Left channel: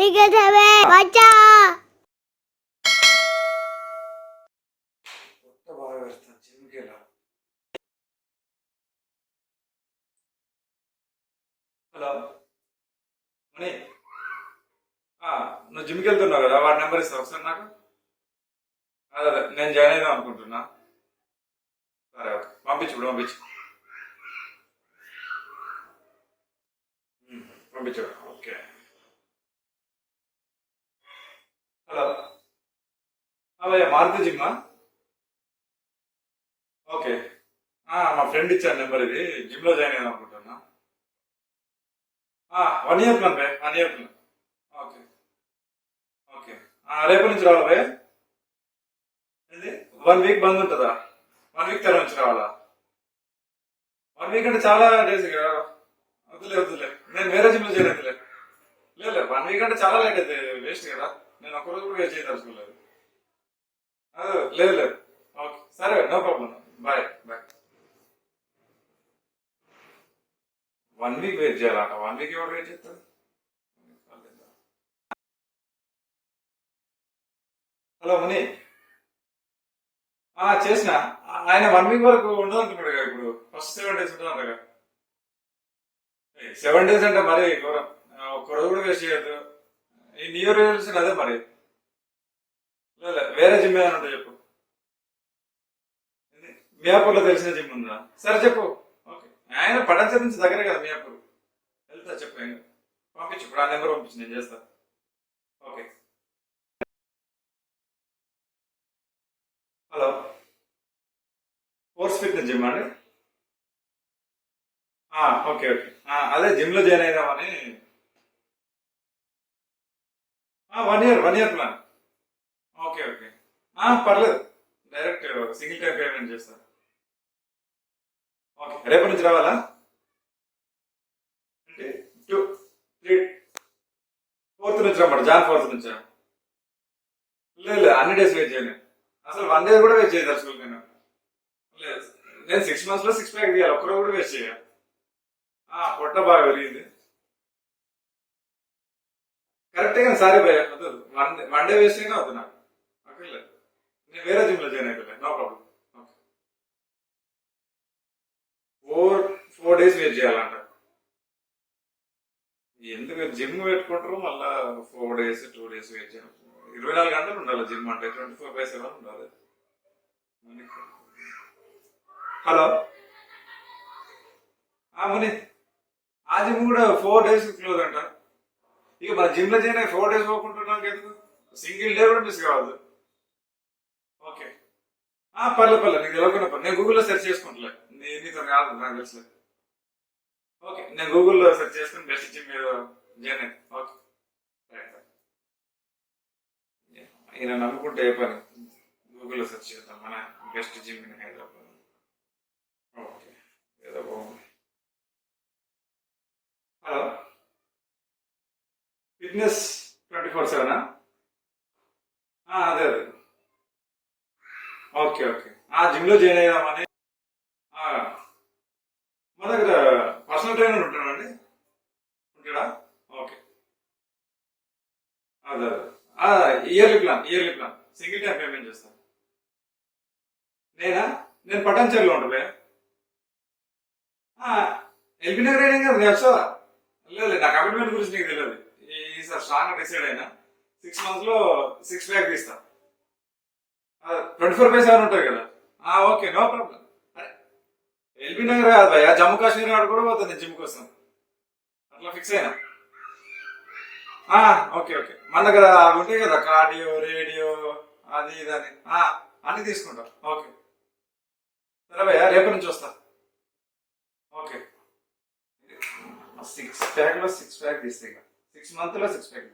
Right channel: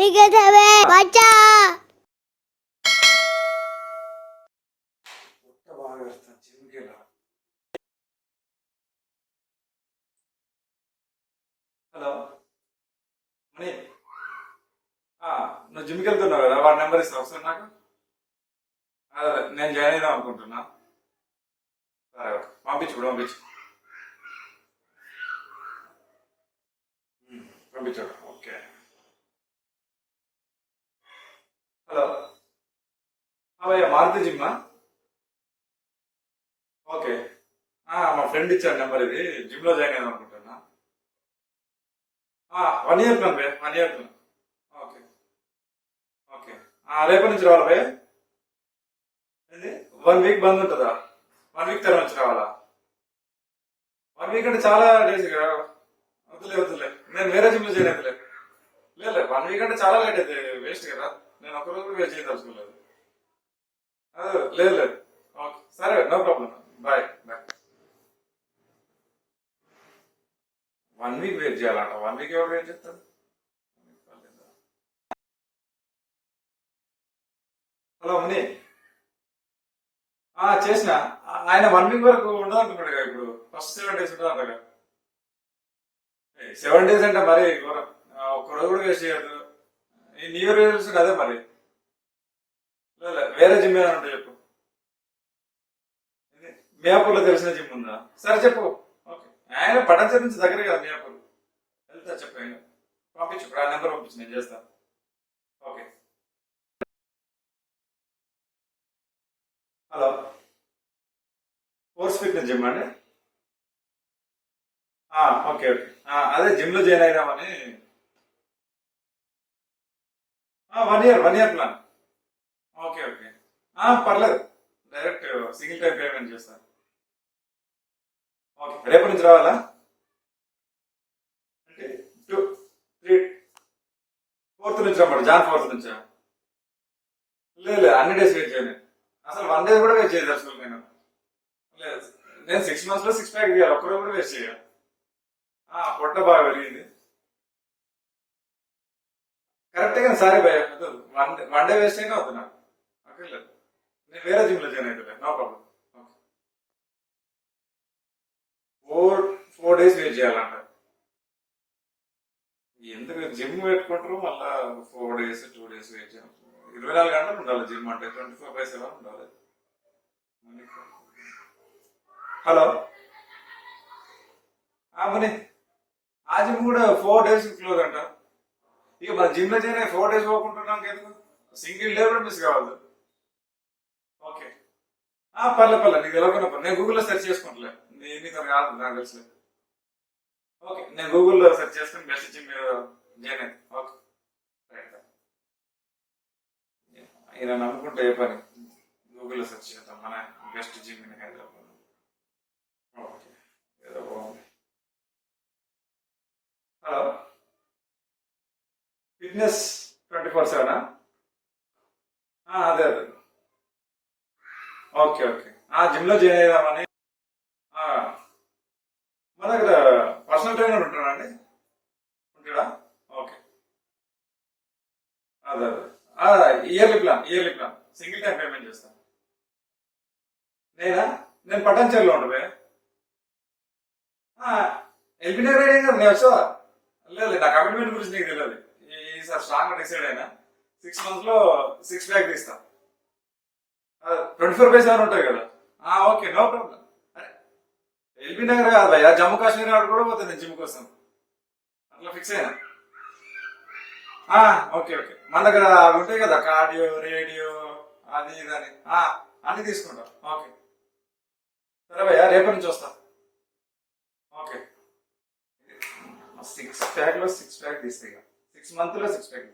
నిగదవే వచ్చా హలో మణి, నువ్వు జిమ్కి వెళ్తున్నావు కదా, వాడి నెంబర్ ఇస్తావు ఒకసారి నాకు. అదే నేను జాయిన్ అయిదాం అనుకుంటున్నా. సరే ఓకే, పంపించు ఇప్పుడు పంపించు. పంపించు. ఓకే. హలో భయ్యా, మారుతి జిమ్మా? ఓకే. మా ఫ్రెండ్ ఇచ్చాడు నెంబర్, ఇది జిమ్లో జాయిన్ అయిదాం అనుకుంటున్నా. 1 year ప్లాన్ భయ్యా, 1 year ప్లాన్. Okay okay. రేపటి నుంచి రావాలా భయ్యా? ఏంది 1 week బంద్ ఉంటుందా? 1 week తర్వాత నుంచి రావాలా? 1 week అంటే చాలా డేస్ కదా. వద్దులే వద్దులే, నేను వేరే జిమ్లో జాయిన్ అవుతులే. లేదు 1 week అంటే చాలా లేట్ అయితే వేస్ట్ కదా. నేను ఒక్క రోజు కూడా వేస్ట్ చేయదలుచుకోలేదు. లేదు లేదు. ఓకే సరే, no problem. Bye bye. 1 week wait చేయాలంట. 1 week ఎవరు వెయిట్ చేస్తారు? హలో ముని, చేసిన. ఆయన 1 week వరకు ఉండదు అంటున్నాడు కదా. ఇప్పుడు ఫస్ట్ 7 days ఉంటుంది అంట కదా. 7 days అంటే మరి ఘోరం. ఒక్క రోజు కూడా వేస్ట్ చేయొద్దు. ఈ న్యూ ఇయర్ రెజల్యూషన్ అదే మరి. లేదు వేరే జిమ్ ఏమైనా ఉంటే చెప్పు. మియాపూర్లో తెలిసిన జిమ్ ఉందా? సరే చెప్పు. ఓకే. ఆయన పటాన్చెరు నుంచి దగ్గరే కదా మియాపూర్. వెళ్తా చెప్పు. పంపించు ఇప్పుడు, ఆ నెంబర్ పంపించు, నేను చేస్తా. Okay. Hello, force fitness gym అండి? Okay okay. అదే జిమ్ లో జాయిన్ అయిదామని. 1 year ప్లాన్. Okay okay. పర్లేదు, డైరెక్ట్ సింగిల్ టైం పేమెంట్ చేస్తాను. ఓకే, రేపటి నుంచి రావాలా? అంటే 2, 3, 4th నుంచి రమ్మంట. జాన్ 4th నుంచా? లేదు లేదు, అన్ని డేస్ వెయిట్ చేయలేదు. అసలు 1 day కూడా వెయిట్ చేయదు అసలు. లేదు, నేను 6 months లో 6 pack తీయాలి. ఒక్కరోజు కూడా వేస్ట్ చేయాలి. పొట్ట బాగా పెరిగింది. కరెక్ట్ గా సారీ భయ, వన్ డే వేస్ట్ అయినా అవుతున్నా. ఓకే, లేదు నేను వేరే జిమ్ లో జాయిన్ అయిపోలేదు. No problem. Four days wait చేయాలంట. ఎందుకు జిమ్ పెట్టుకుంటారు మళ్ళా 4 days 2 days వెయిట్ చేయాలి. 24 గంటలు ఉండాలి జిమ్ అంటే, 24/7 ఉండాలి. హలో ముని, ఆ జిమ్ కూడా 4 days క్లోజ్ అంట. ఇక మన జిమ్ లో జాయిన్ అయ్యి 4 days పోకుంటున్నాం ఎందుకు? సింగిల్ డే కూడా మిస్ కావద్దు. ఓకే. పర్లేదు పర్లేదు, నీకు తెలియకుండా పర్లేదు. నేను గూగుల్లో సెర్చ్ చేసుకుంటలే. నీతో కాదు, నాకు తెలుసు. ఓకే, నేను గూగుల్లో సెర్చ్ చేసుకుని బెస్ట్ జిమ్ జాయిన్ అయ్యి. Okay right. ఈయన నమ్ముకుంటే ఏ పని. గూగుల్లో సెర్చ్ చేద్దాం మన best gym in Hyderabad. Okay, ఏదో బాగుంది. Hello, fitness 24/7? అదే అదే. Okay okay. జిమ్ లో జాయిన్ అయ్యామని. మన దగ్గర పర్సనల్ ట్రైనర్ ఉంటాడండి? ఉంటాడా? ఓకే. అదే అదే. Yearly plan single time payment చేస్తాను. నేను పటాన్చెరులో ఉంటుంది. ఎల్బీ నగర్ అయినా కదా, నేను వచ్చా. లేదు నా కమిట్మెంట్ గురించి నీకు తెలియదు. ఈసారి స్ట్రాంగ్ డిసైడ్ అయినా 6 months లో 6 pack తీస్తా. 24/7 ఉంటుంది కదా. Okay, no problem. LB Nagar కాదు భయ్యా, జమ్మూ కాశ్మీర్ నాడు కూడా పోతుంది జిమ్ కోసం. అట్లా ఫిక్స్ అయినా. Okay okay. మన దగ్గర ఉంటాయి కదా, కార్డియో, రేడియో, అది ఇది అని. అన్ని తీసుకుంటా. ఓకే సరే భయ్యా, రేపటి నుంచి వస్తా. ఓకే. 6 pack లో 6 pack తీస్తే 6 months లో 6 pack.